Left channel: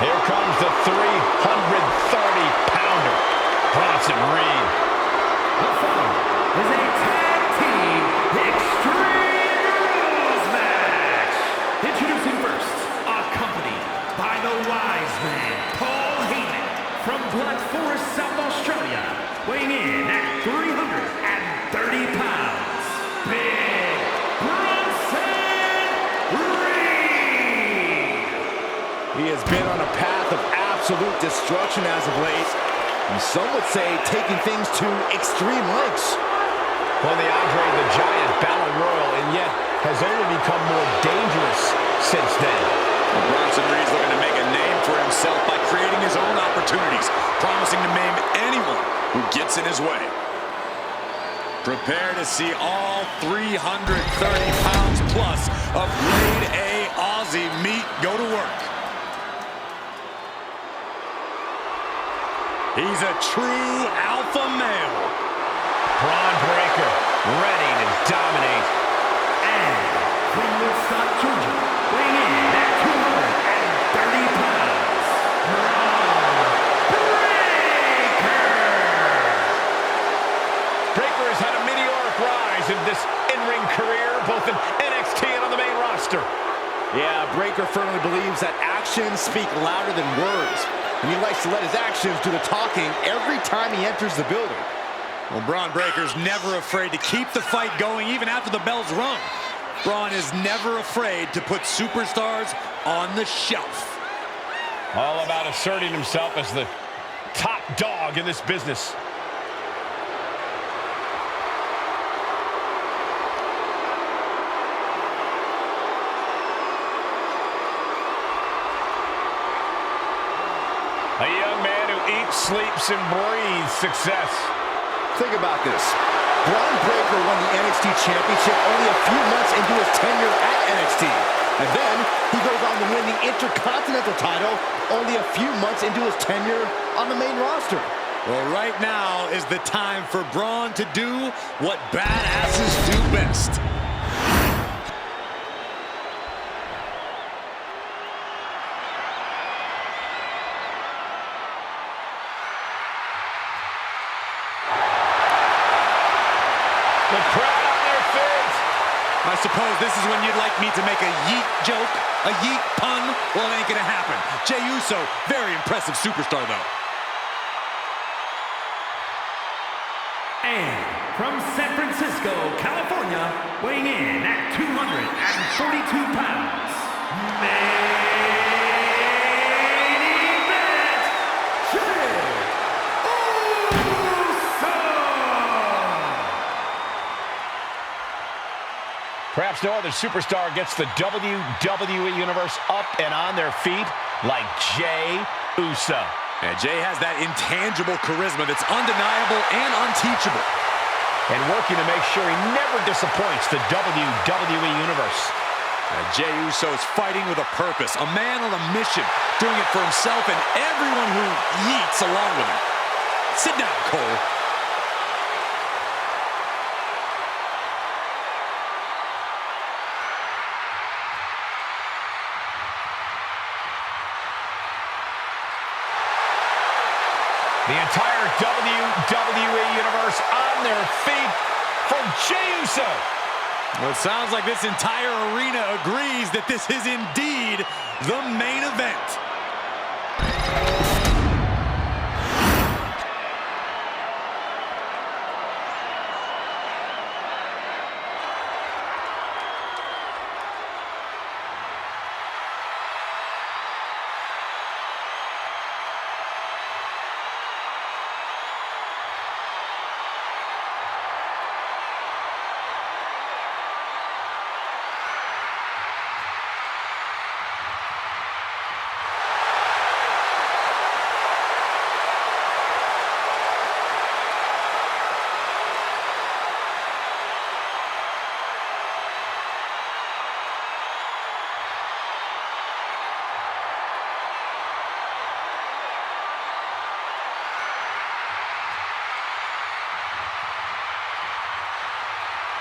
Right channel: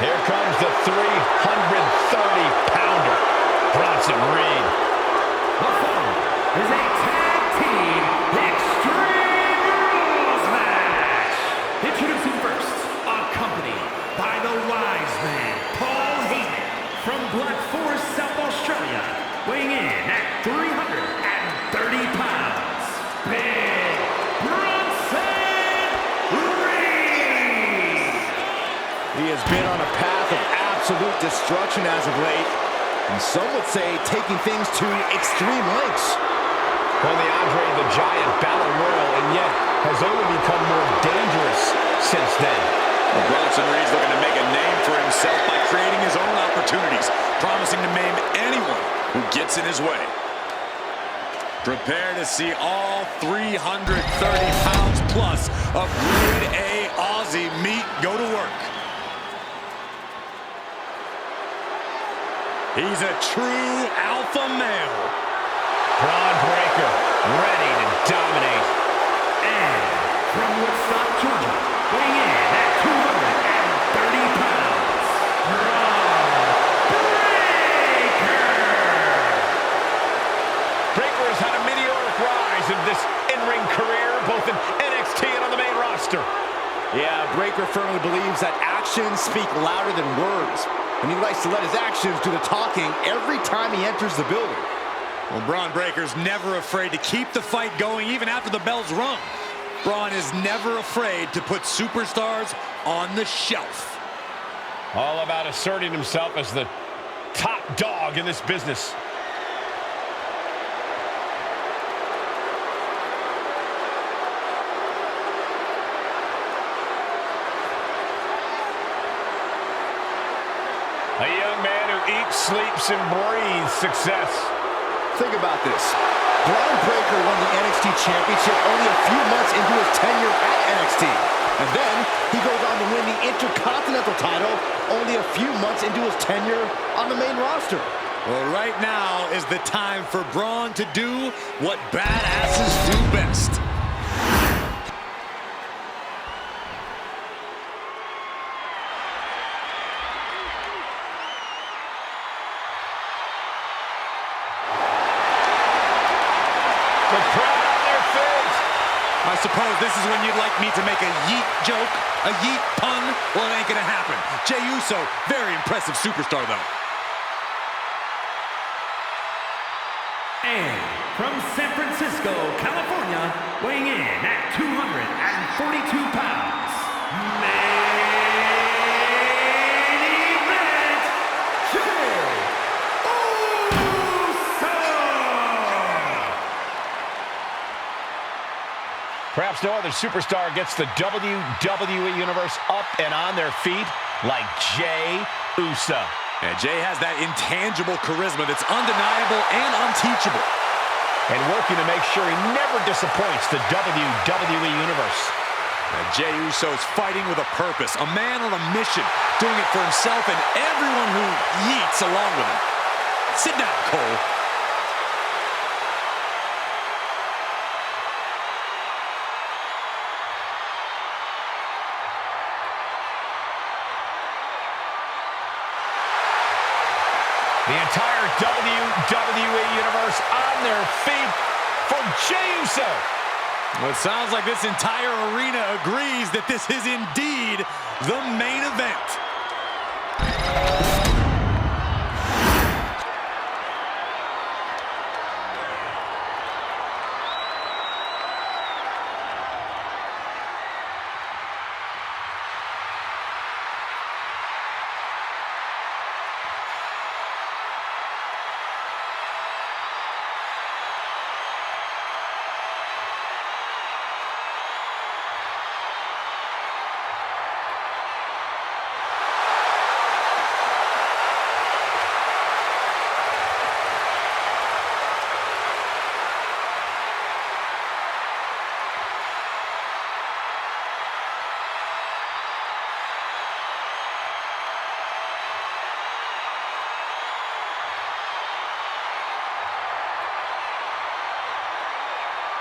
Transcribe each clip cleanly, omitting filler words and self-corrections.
Here comes the 330-pounder, Bronson Reed. The following is a tag team Extreme Rules match. Introducing first, accompanied by the wise man, Paul Heyman, from Black Forest, South Australia, weighing in at 330 pounds. Big Bronson Reed. He has been on a path of absolute destruction as of late, and some would say taking things to extreme lengths. Won the Andre the Giant Battle Royal, and yet has only become more dangerous since then. Well, Bronson Reed's looking to make a name for himself by creating his own opportunities, promising to maim anyone who gets in his way. Prepare to see all 330 pounds plus of Grade A Aussie meat go to work. He's a true alpha male. Bron Breakker, ready to dominate. And from Woodstock, Georgia, weighing in at 230 pounds, Bron Breakker. Breakker has had a meteoric rise in this in-ring career, both in NXT and on the main roster. Yeah, Breakker firmly believes that actions speak louder than words, and he likes to let his actions do the talking every time he enters the building. Well, Bron Breakker's never afraid to keep the fight going even after the bell's rung. Bron is never afraid to put superstars on the shelf. All about asserting himself as the top dog in this business. A young man who eats, sleeps, and breathes success. Think about this. Bron Breakker won the NXT Championship only a few months into his tenure at NXT. And then he goes on to win the Intercontinental title only a few months into his tenure on the main roster. Well, right now is the time for Bron to do what badasses do best. The crowd on their feet. I suppose this is when you'd like me to make a yeet joke, a yeet pun. Well, it ain't gonna happen. Jey Uso, very impressive superstar, though. And from San Francisco, California, weighing in at 242 pounds, main event, Jey Uso. Perhaps no other superstar gets the WWE Universe up and on their feet like Jey Uso. And Jey has that intangible charisma that's undeniable and unteachable. And working to make sure he never disappoints the WWE Universe. And Jey Uso is fighting with a purpose, a man on a mission, doing it for himself and everyone who yeets along with him. Sit down, Cole. The entire WWE Universe on their feet for Jey Uso. Well, it sounds like this entire arena agrees that this is indeed the main event.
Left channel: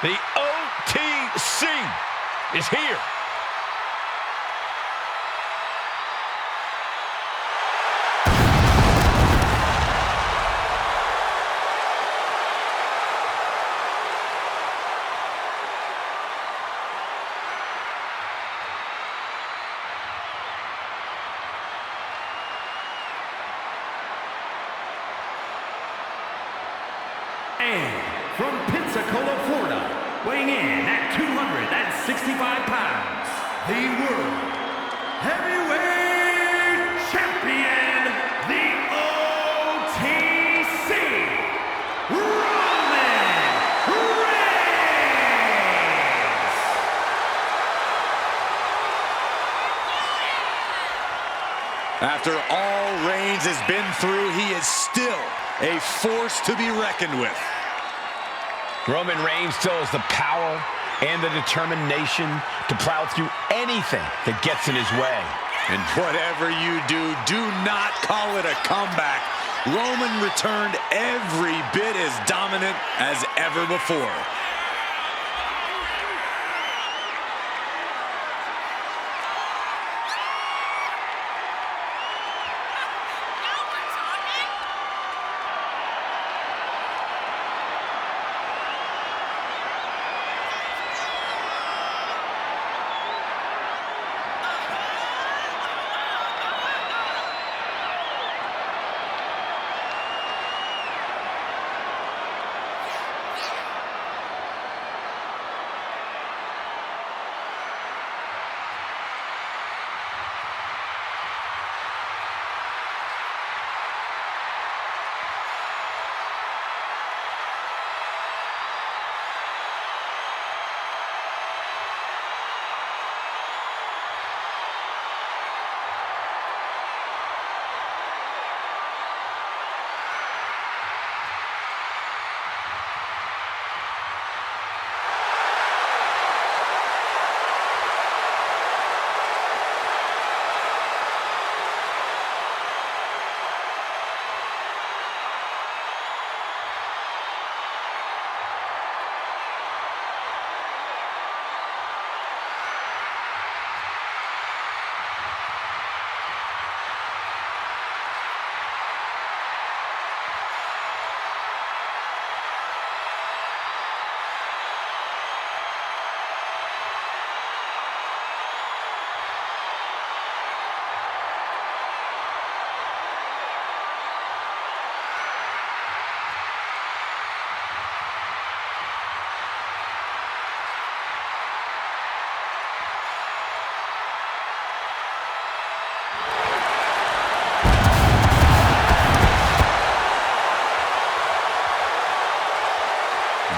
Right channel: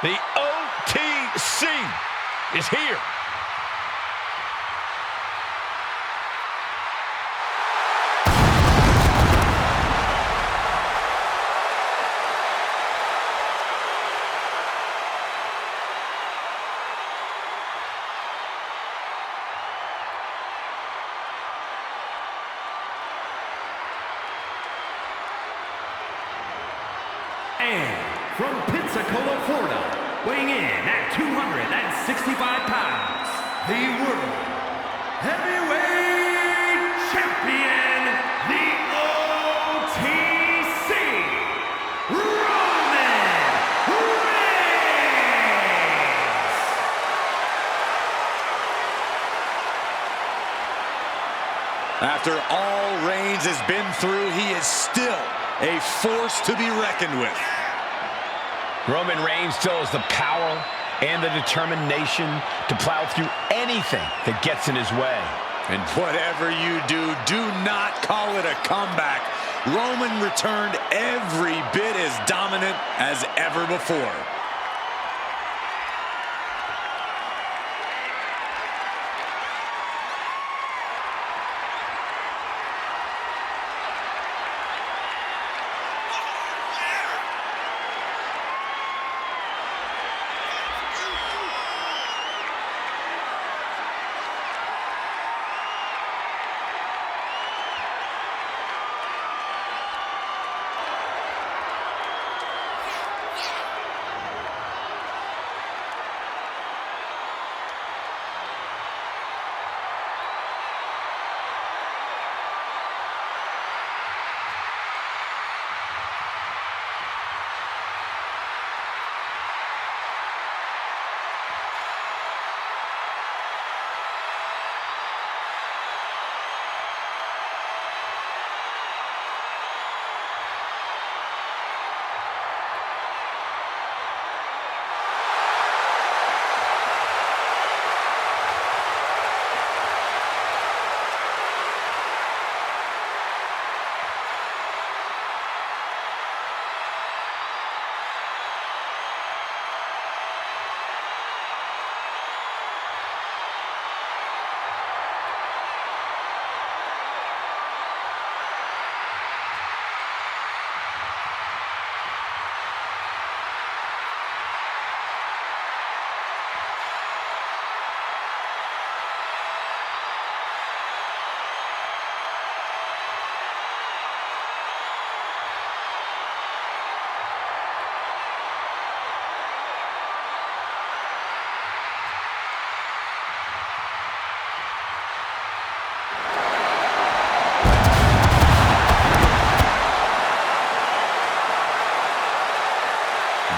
The OTC is here. And from Pensacola, Florida, weighing in at 265 pounds, the World Heavyweight Champion, the OTC, Roman Reigns! After all Reigns has been through, he is still a force to be reckoned with. Roman Reigns still has the power and the determination to plow through anything that gets in his way. And whatever you do, do not call it a comeback. Roman returned every bit as dominant as ever before.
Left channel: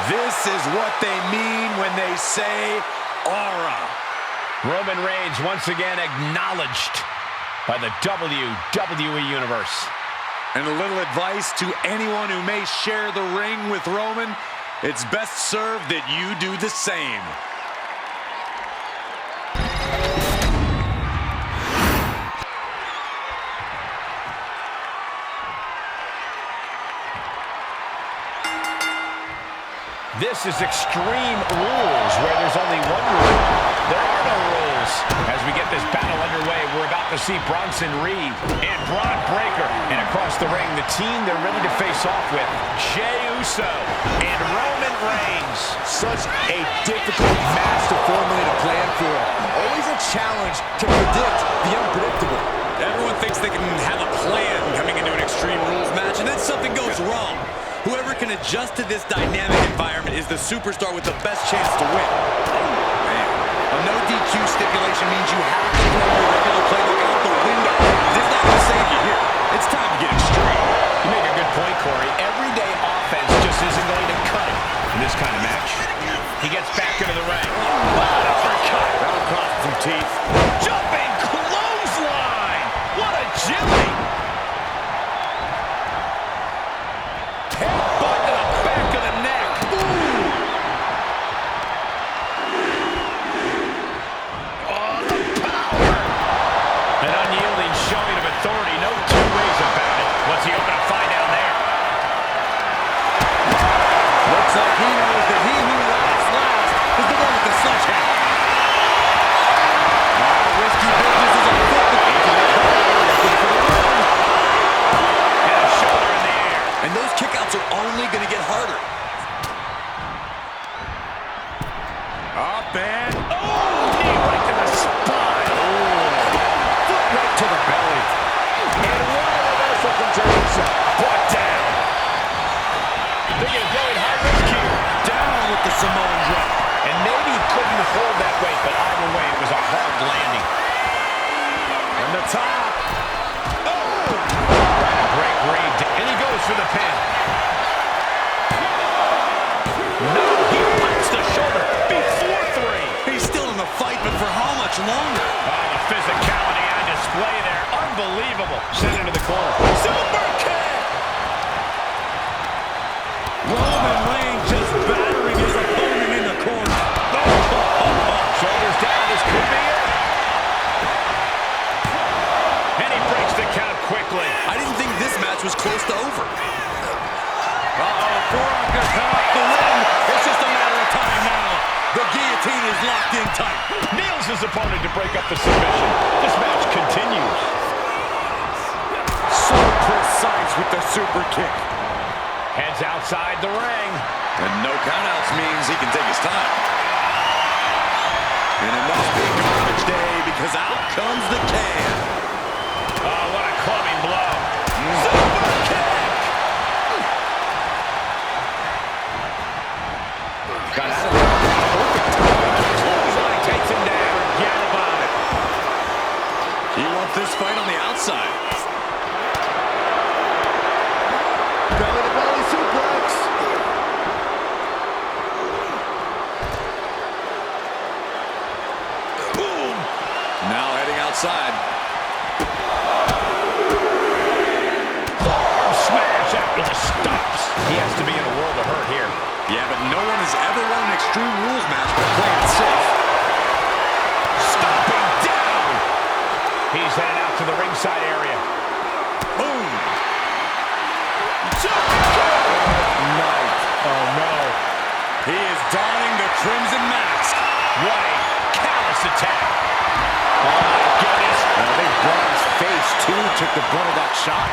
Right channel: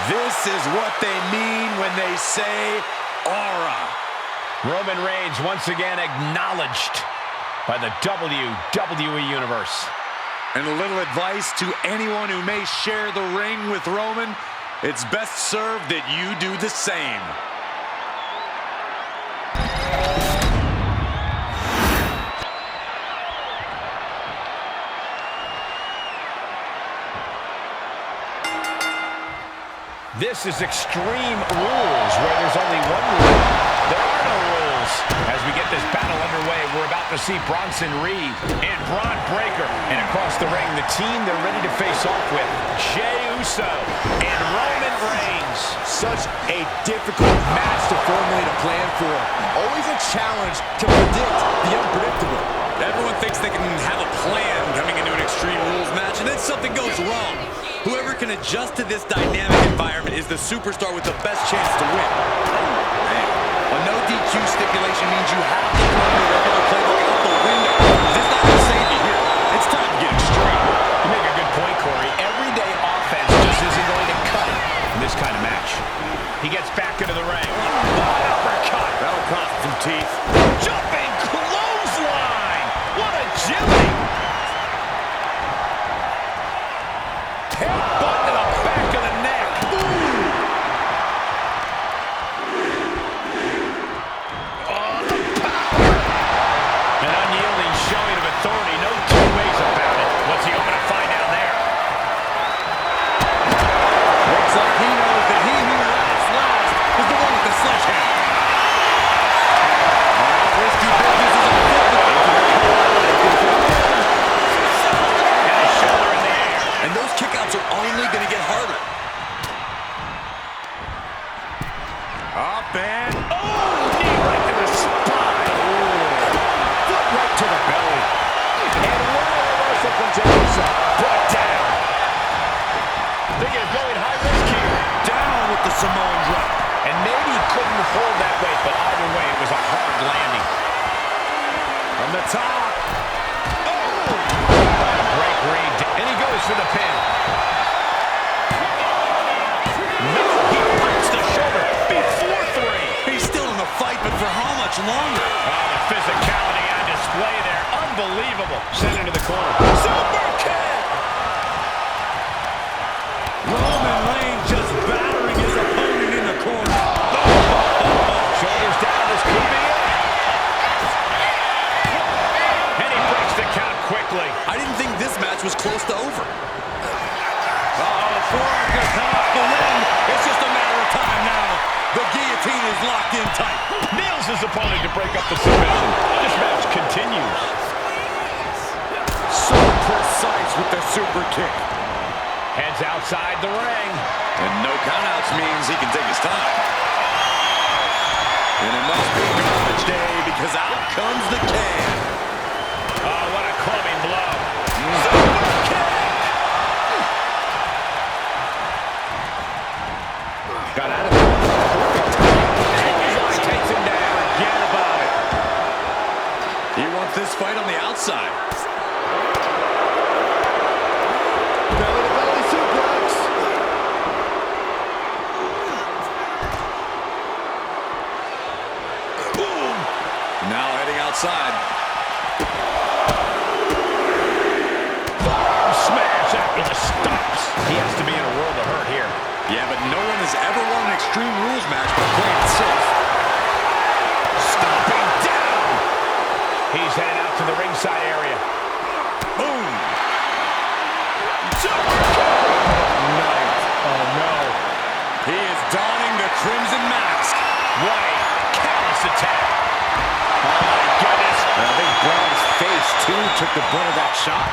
This is what they mean when they say aura. Roman Reigns once again acknowledged by the WWE Universe. And a little advice to anyone who may share the ring with Roman, it's best served that you do the same. This is Extreme Rules, where there's only one rule. There are no rules. As we get this battle underway, we're about to see Bronson Reed and Bron Breakker. And across the ring, the team they're ready to face off with, Jey Uso and Roman Reigns. Such a difficult match to formulate a plan for. Always a challenge to predict the unpredictable. Everyone thinks they can have a plan coming into an Extreme Rules match, and then something goes wrong. Whoever can adjust to this dynamic environment is the superstar with the best chance to win. A no DQ stipulation means you have to throw your regular playbook out the window. It's not going to save you here. It's time to get extreme. You make a good point, Corey. Everyday offense just isn't going to cut it in this kind of match. He gets back into the ring. What uppercut! That'll cost some teeth. Jumping clothesline! What agility! Headbutt to the back of the neck. Oh, the power! An unyielding showing of authority. No two ways about it. What's he hoping to find down there? Looks like he knows that he who laughs last is the one with the sledgehammer. Risky business is afoot. And a shoulder in the air. And those kickouts are only going to get harder. Up and... Oh, knee right to the spine. Foot right to the belly. And what a reversal from Jey Uso. Brought down. Thinking of going high risk here. Down with the Samoan drop. And maybe he couldn't hold that weight, but either way, it was a hard landing. From the top. Oh! Trying to break Reed, and he goes for the pin. No, he punts the shoulder before 3. He's still in the fight, but for how much longer? Oh, the physicality on display there. Unbelievable. Sent into the corner. Super kick! Roman Reigns just battering his opponent in the corner. Shoulders down, this could be it. And he breaks the count quickly. I didn't think this match was close to over. Forearm gonna come off the win. It's just a matter of time now. The guillotine is locked in tight. Nails his opponent to break up the submission. This match continues. So precise with the super kick. Heads outside the ring. And no countouts means he can take his time. And it must be garbage day because out comes the can. Oh, what a clubbing blow. Super kick! Got out of there. Perfect time. Clothesline takes him down. Forget about it. He wants this fight on the outside. Belly-to-belly suplex. Boom! Now heading outside. Forearm smash after the stops. He has to be in a world of hurt here. Yeah, but no one has ever won an Extreme Rules match by playing it safe. Stomping down. He's headed out to the ringside area. Boom! Super kick! Night. Oh, no. He is donning the Crimson Mask. What a callous attack. Oh, my goodness. I think Braun's face, too, took the brunt of that shot.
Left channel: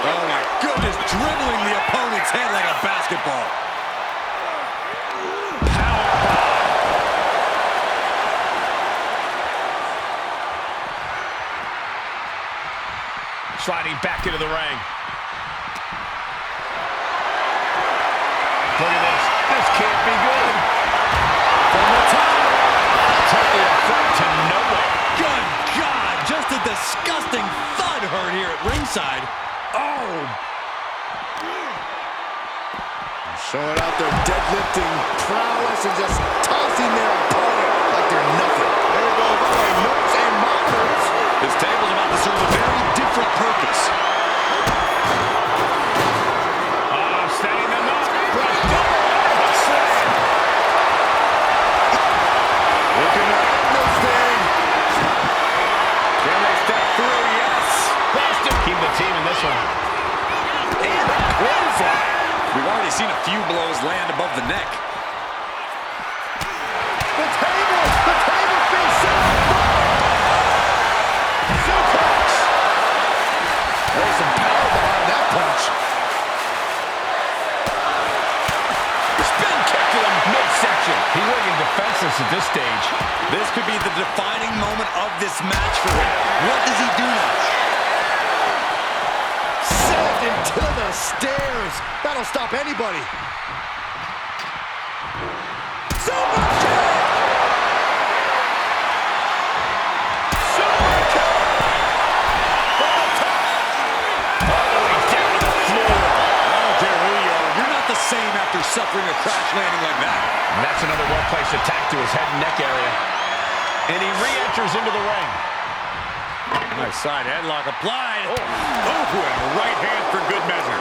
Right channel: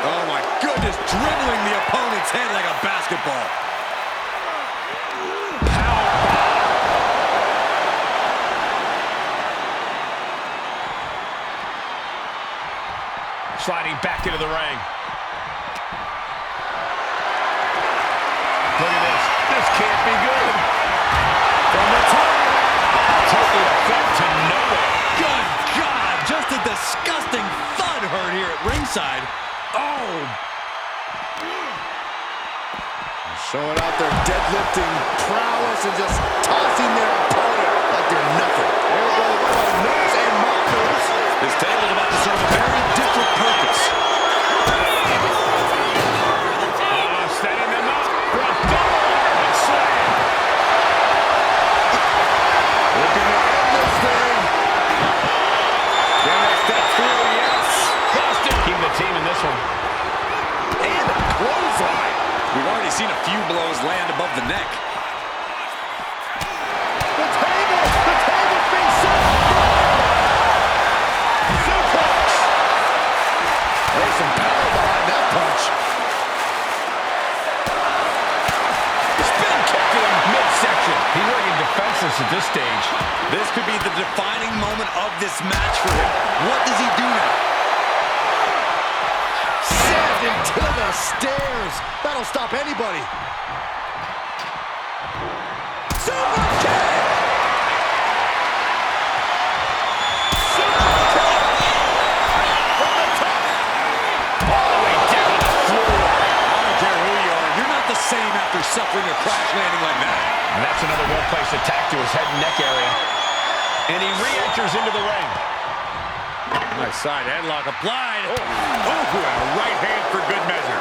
Oh, my goodness. Dribbling the opponent's head like a basketball. Sliding back into the ring. Look at this. This can't be good. From the top. Taking a fight to nowhere. Good God. Just a disgusting thud heard here at ringside. Oh. Showing out their deadlifting prowess and just tossing their opponent like they're nothing. There goes all our notes and markers. This table's about to serve a very different purpose. Setting them up for a double underhook slam. Looking to end this thing. Can they step through? Yes. Busted. Keep the team in this one. And a clothesline. We've already seen a few blows land above the neck. The table's being set up. Suplex. There's some power behind that punch. Spin kick to the midsection. He's looking defenseless at this stage. This could be the defining moment of this match for him. What does he do now? Sent into the stairs. That'll stop anybody. Super kick! Super kick! From the top! All the way down to the floor. I don't care who you are. You're not the same after suffering a crash landing like that. And that's another well-placed attack to his head and neck area. And he re-enters into the ring. Nice side headlock applied. Oh, and a right hand for good measure.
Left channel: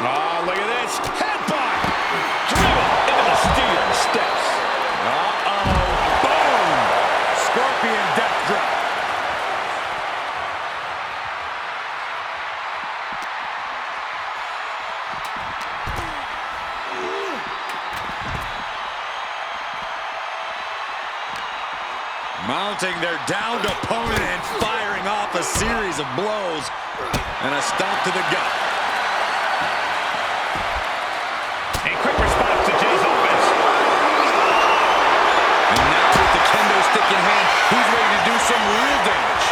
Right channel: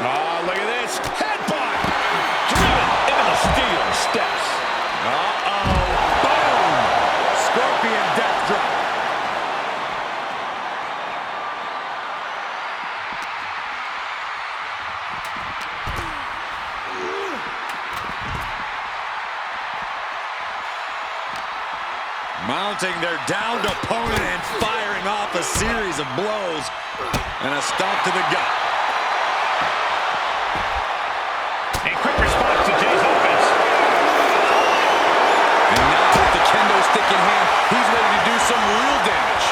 Oh, look at this. Headbutt. Driven into the steel steps. Uh-oh. Boom. Scorpion death drop. Mounting their downed opponent and firing off a series of blows. And a stomp to the gut. A quick response to Jey's offense. And now with the kendo stick in hand, he's ready to do some real damage.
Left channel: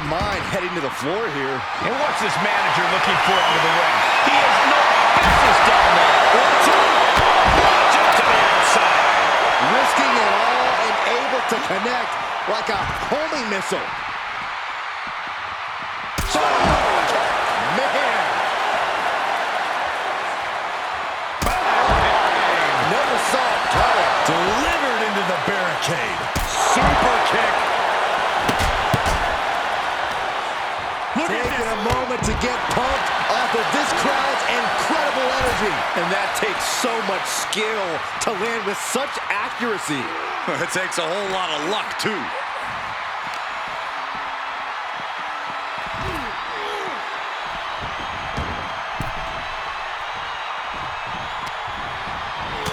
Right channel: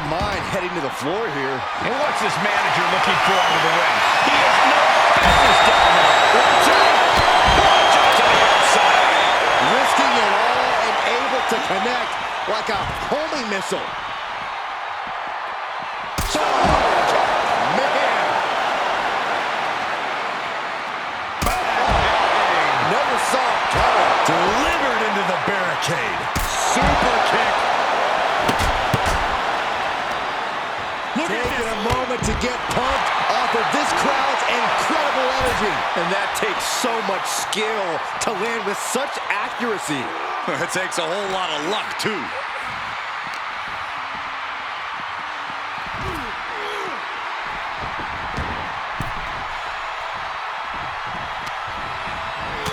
in mind heading to the floor here. And what's this manager looking for under the ring? He has no business down there. Watch out to the outside. Risking it all and able to connect like a homing missile. Man. Never saw it coming. Delivered into the barricade. Super kick. Taking a moment to get pumped off of this crowd's incredible energy. And that takes so much skill to land with such accuracy. It takes a whole lot of luck, too.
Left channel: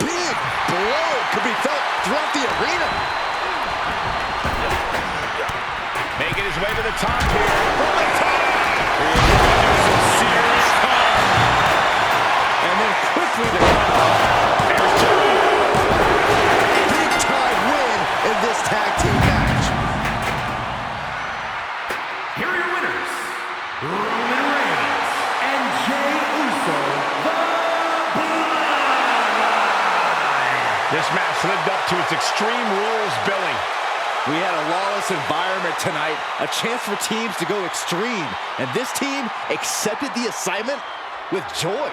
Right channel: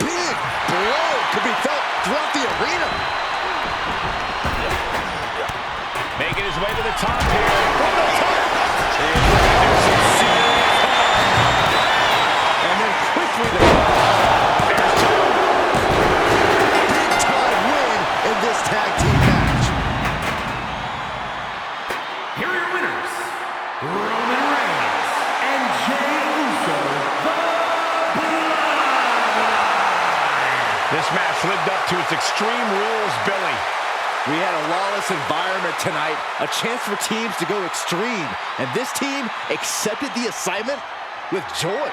Big blow could be felt throughout the arena. Making his way to the top here. From the top. He's going to do some serious harm. And then quickly the There's two. big time win in this tag team match. Here are your winners, Roman Reigns and Jey Uso, the Bloodline. This match lived up to its Extreme Rules billing. We had a lawless environment tonight, a chance for teams to go extreme, and this team accepted the assignment with joy.